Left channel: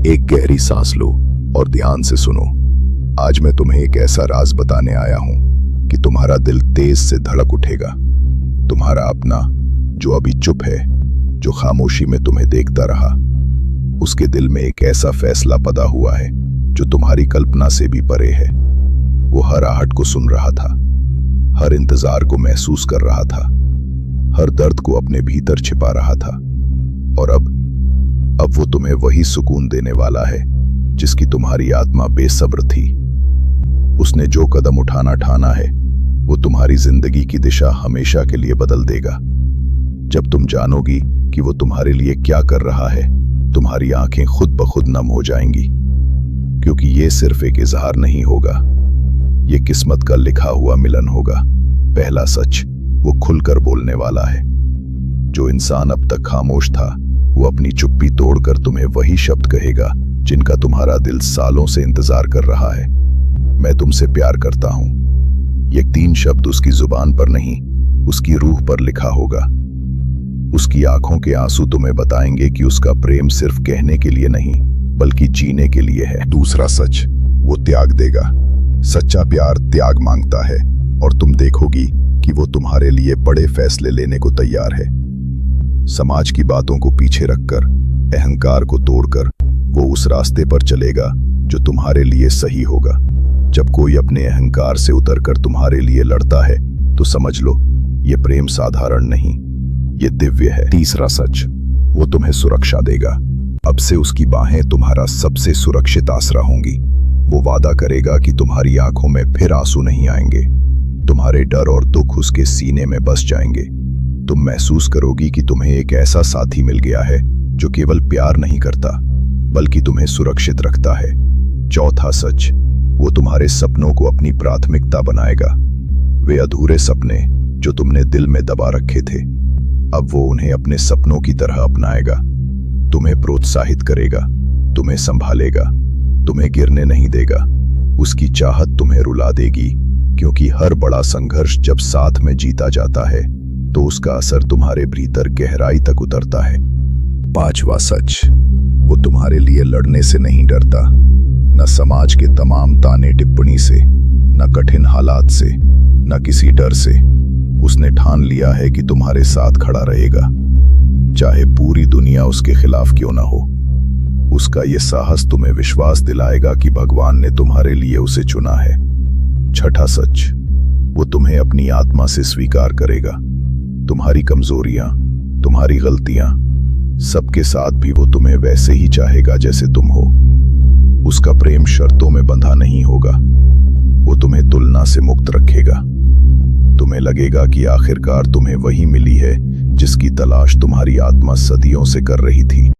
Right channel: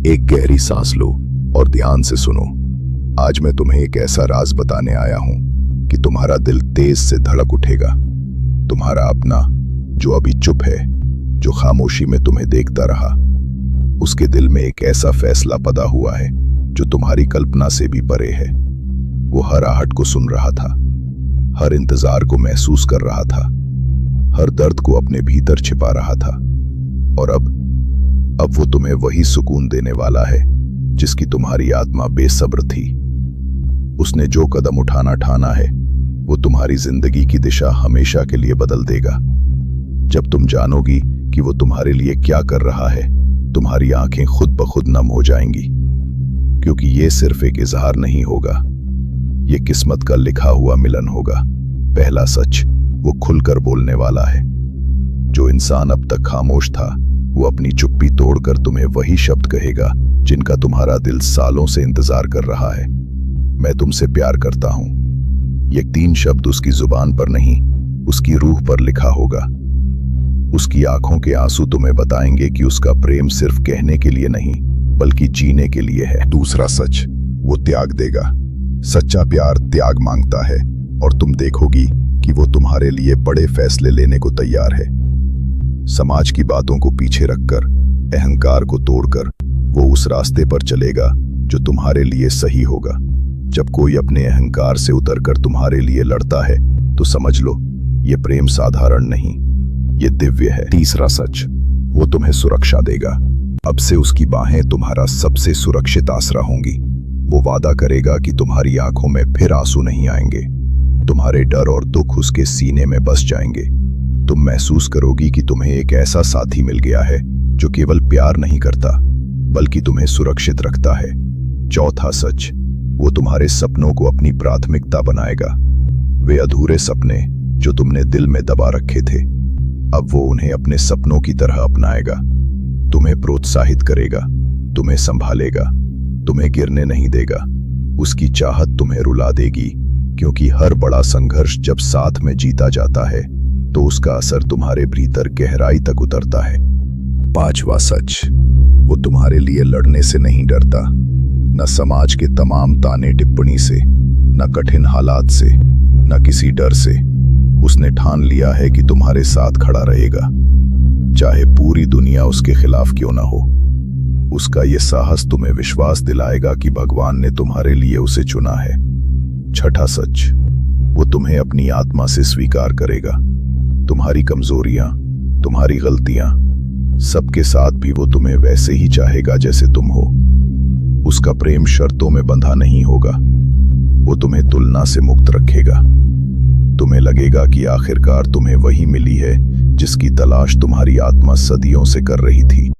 एक गहरी सांस लो और ध्यान से सुनो। आज मैं तुम्हें एक ऐसा राज बताने आया हूं कि तुम्हारा दिल तेज से धड़क उठेगा। तुम्हारा अपना जो अभी चुप है, जो खामोशी में तुम्हें देखता रहा, उसके दिल में एक ऐसा फैसला पदा हुआ है जो तुम्हारी कल्पना से भी परे है। वो हर आहट को सुन रहा था, हर इंतजार को महसूस कर रहा था, हर दर्द को अपने भीतर छिपा रहा था। और अब वो तुम्हें वही सुकून देने वाला है जिसकी तुम्हारी आत्मा बेसब्र थी। उसने जो कदम उठाना ठाना है वो तुम्हारी जिंदगी की दिशा हमेशा के लिए बदल देगा। जब तुम जानोगी कि वो तुम्हारे लिए क्या कर रहा है, तुम्हारी आंखें खुद ब खुद नम हो जाएंगी, क्योंकि ये सिर्फ एक इजहार नहीं होगा, ये किस्मत का लिखा हुआ मिलन होगा। पहला सच वो खुलकर बोलने वाला है। जो इंसान अब तक खामोश था, वो अपनी चुप्पी तोड़कर तुम्हें वही शब्द कहेगा जिनका तुम्हारा दिल सालों से इंतजार कर रहा है। मैं तुमसे प्यार करता हूं। ये 3 शब्द उसकी जुबान पर नहीं, उसकी रूह पर लिखा होगा। उसकी आंखों के आंसू तुम्हें बताएंगे कि उसका प्रेम सिर्फ कहने के लिए नहीं, बल्कि जीने के लिए है। दूसरा सच, वो त्याग देगा। सच्चा प्यार त्याग मांगता है, और तुम देखोगी कि वो तुम्हारे लिए बड़े फैसले लेने को तैयार है। समाज की बातों को पीछे रखकर, अहंकार को तोड़कर वो उस रास्ते पर चलेगा जो तुम्हारे लिए सही होगा। जब कोई अपने अहंकार से उतरकर तुम्हारे लिए लड़ता है तो समझ लो ये प्रेम साधारण नहीं, ये दिव्य है। तीसरा सच, वो तुम्हें सुरक्षा देगा। अब से उसकी बाहें तुम्हारा सबसे सुरक्षित आसरा होंगी। वो वादा करेगा कि तुम्हारी आंखों में फिर आंसू नहीं आएंगे, तुम्हारे डर और दुख उसके सीने में बस जाएंगे। तुम महसूस करोगी कि तुम्हें एक ऐसा साथी मिल गया है जो केवल प्यार नहीं करता, बल्कि तुम्हें सुरक्षित रखता है। चौथा सच, वो तुम्हारे सपनों को अपनी प्राथमिकता बनाएगा। वे अधूरे सपने जो तुमने दिल में दबा रखे थे, अब वो उन्हें अपने सपनों की तरह अपनाएगा। तुम्हें प्रोत्साहित करेगा, तुम्हें संभालेगा, तुम्हें गिरने नहीं देगा। उसकी चाहत तुम्हें रुला देगी, क्योंकि हर बड़ा संघर्ष जब साथ में जीता जाता है तो उसका असर तुम्हारे भीतर गहराई तक उतरता है। 5वां सच, वो तुम्हारे लिए लड़ने से नहीं डरता, न समाज के तमाम ताने टिप्पणी से, न कठिन हालात से, न किसी डर से। उसने ठान लिया है कि तुम्हारे साथ खड़ा रहेगा, चाहे पूरी दुनिया उसके खिलाफ क्यों ना हो। उसका ये साहस तुम्हें विश्वास दिलाएगा कि भगवान ने तुम्हारे लिए उसे चुना है। 6ठा सच, वो तुम्हें अपनी आत्मा से स्वीकार करेगा। तुम्हारी कमजोरियां, तुम्हारी गलतियां, सबके साथ भी वो तुम्हें वैसे ही चाहेगा जैसे तुम हो। उसका प्रेम शर्तों में बंधा नहीं होगा, वो तुम्हें तुलना से मुक्त रखेगा। तुम्हें लगेगा कि आखिरकार तुम्हें वही मिली है जिसकी तलाश तुम्हारी आत्मा सदियों से कर रही थी।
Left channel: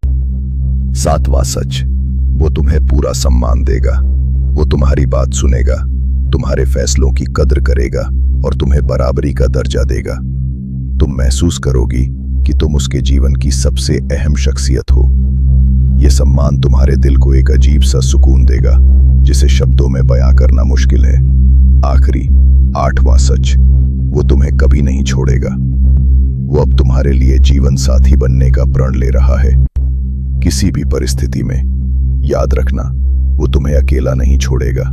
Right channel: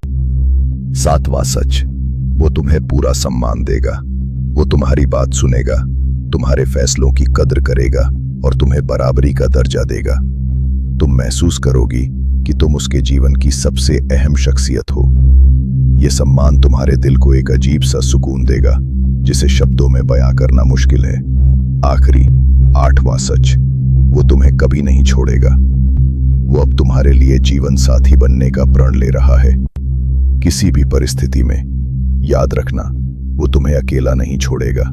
7वां सच, वो तुम्हें पूरा सम्मान देगा। वो तुम्हारी बात सुनेगा, तुम्हारे फैसलों की कद्र करेगा और तुम्हें बराबरी का दर्जा देगा। तुम महसूस करोगी कि तुम उसके जीवन की सबसे अहम शख्सियत हो। यह सम्मान तुम्हारे दिल को एक अजीब सा सुकून देगा जिसे शब्दों में बयां करना मुश्किल है। आखिरी 8वां सच, वो तुम्हें कभी नहीं छोड़ेगा। वो अब तुम्हारे लिए जीवन साथी बनने का प्रण ले रहा है। किसी भी परिस्थिति में याद रखना, वो तुम्हें अकेला नहीं छोड़ेगा।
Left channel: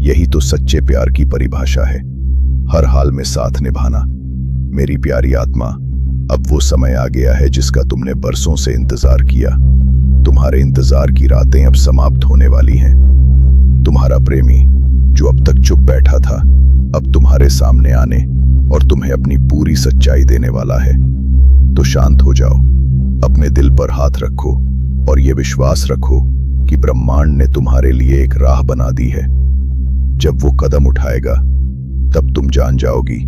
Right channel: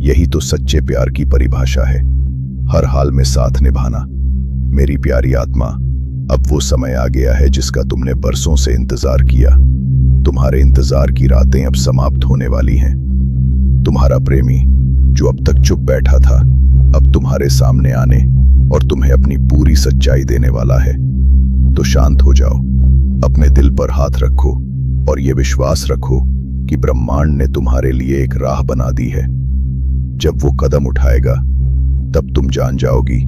यही तो सच्चे प्यार की परिभाषा है, हर हाल में साथ निभाना। मेरी प्यारी आत्मा, अब वो समय आ गया है जिसका तुमने बरसों से इंतजार किया। तुम्हारे इंतजार की रातें अब समाप्त होने वाली हैं। तुम्हारा प्रेमी जो अब तक चुप बैठा था, अब तुम्हारे सामने आने और तुम्हें अपनी पूरी सच्चाई देने वाला है। तो शांत हो जाओ, अपने दिल पर हाथ रखो और ये विश्वास रखो कि ब्रह्मांड ने तुम्हारे लिए एक राह बना दी है। जब वो कदम उठाएगा, तब तुम जान जाओगी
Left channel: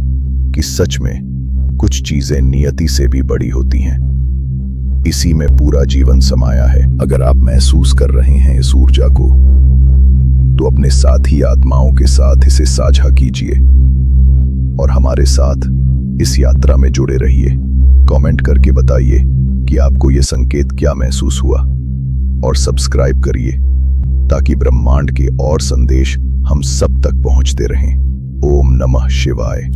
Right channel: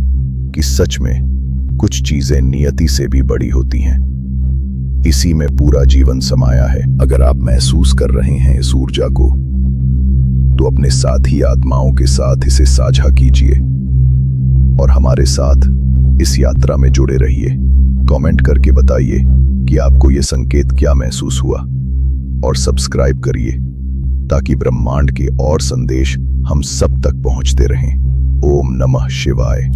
कि सच में कुछ चीजें नियति से भी बड़ी होती हैं। इसी में पूरा जीवन समाया है। अगर आप महसूस कर रहे हैं इस ऊर्जा को, तो अपने साथी आत्माओं के साथ इसे साझा कीजिए और हमारे साथ इस यात्रा में जुड़े रहिए। कमेंट करके बताइए कि आपको यह संकेत क्या महसूस हुआ, और सब्सक्राइब करिए ताकि ब्रह्मांड के और संदेश हम सब तक पहुंचते रहें। ओम नमः शिवाय।